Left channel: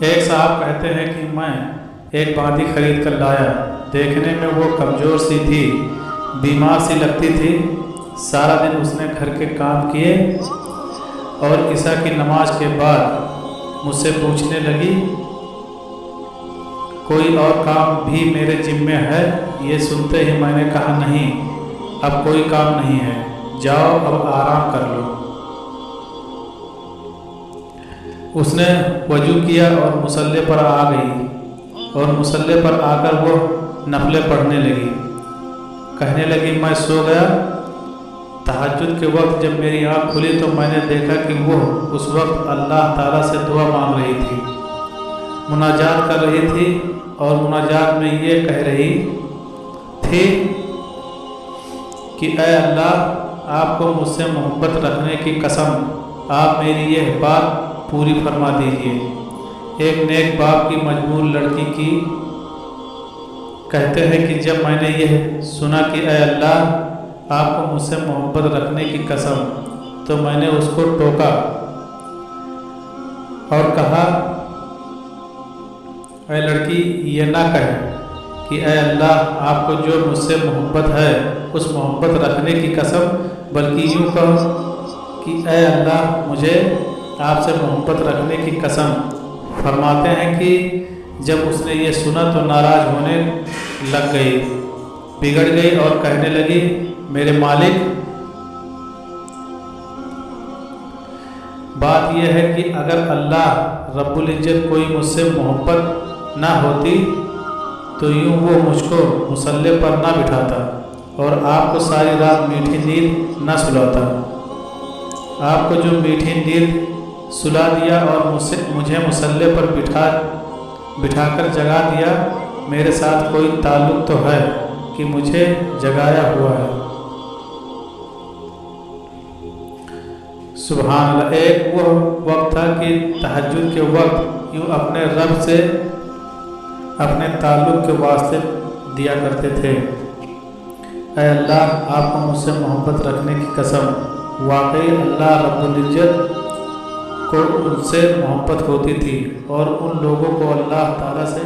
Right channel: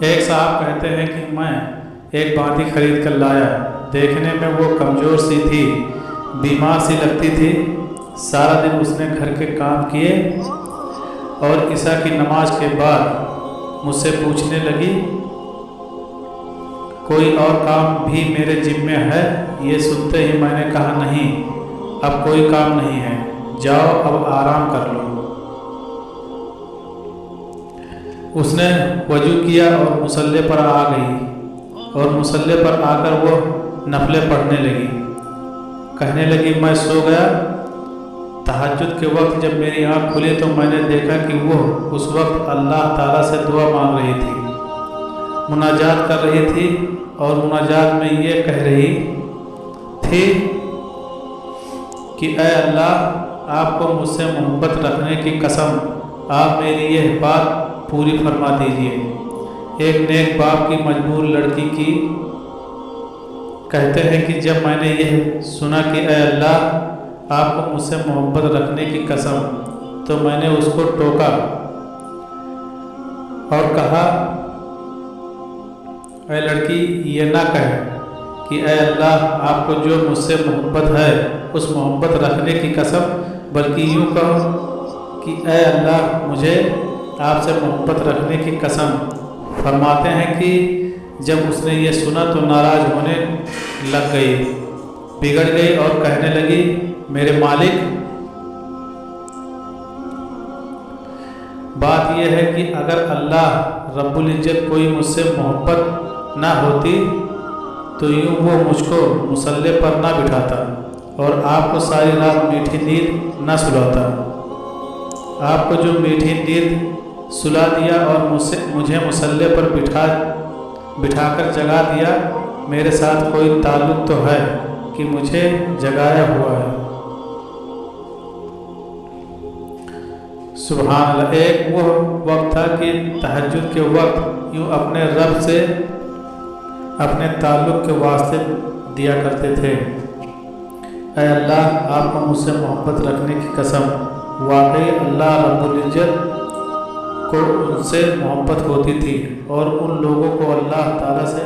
ایک صاحب کہتے ہیں کہ میں ایک باندی خرید کر لایا، دیکھنے میں وہ کمزور سی تھی، بیمار سی لگتی تھی۔ سارا دن اس نے گھر کے کام کیے اور عشاء کی نماز کے بعد مجھ سے پوچھنے لگی، کوئی اور کام بھی میرے ذمے ہے؟ یہ سنتے ہی میں نے کہا، نہیں، اب کوئی کام نہیں ہے، جاؤ اب آرام کر لو۔ اس نے وضو کیا اور مصلی پر آ گئی، اور مصلی پر آ کر وہ نفلیں پڑھنے لگی۔ کہنے لگی، میں سو گیا۔ تہجد کے وقت جب میری آنکھ کھلی تو میں نے دیکھا کہ وہ اس وقت اللہ تعالیٰ سے دعا مانگ رہی تھی، مناجات کر رہی تھی، اور مناجات میں یہ کہہ رہی تھی کہ اے اللہ، آپ کو مجھ سے محبت رکھنے کی قسم، آپ میری یہ بات پوری فرما دیجیے۔ ایک نیک باپ کی مجبور لڑکی کی کہتے ہیں کہ جب میں نے یہ سنا کہ اے اللہ، آپ کو مجھ سے محبت رکھنے کی قسم، تو میں نے اس کو ٹوکا اور کہا، اے لڑکی، یہ نہ کہے کہ اے اللہ، آپ کو جو مجھ سے محبت ہے اس محبت رکھنے کی قسم، بلکہ یوں کہو کہ اے اللہ، مجھے آپ سے محبت رکھنے کی قسم۔ فرماتے ہیں کہ جب اس نے یہ سنا تو ناراض ہونے لگ گئی، بگڑ گئی اور کہنے لگی، میرے مالک، بات یہ ہے کہ اگر اللہ رب العزت کوئی مجھ سے محبت نہ ہوتی تو یوں وہ مجھ کو مصلی پر نہ بٹھاتا اور آپ کو ساری رات میٹھی نیند نہ سلاتا۔ آپ کو جو میٹھی نیند سلا دیا اور مجھے مصلی پر بٹھا کر جگا دیا، میرے ساتھ کوئی تعلق تو ہے کہ مجھے جگایا ہوا ہے۔ سبحان اللہ۔ ایک وہ وقت تھا کہ تہجد کے وقت یوں اپنے رب سے اپنے تعلق کے واسطے دیا کرتے تھے، اے اللہ، آپ کو مجھ سے محبت رکھنے کی قسم۔ واقعی اللہ رب العزت کو ان سے محبت ہوتی تھی، اور ان لوگوں کو اللہ تعالیٰ سے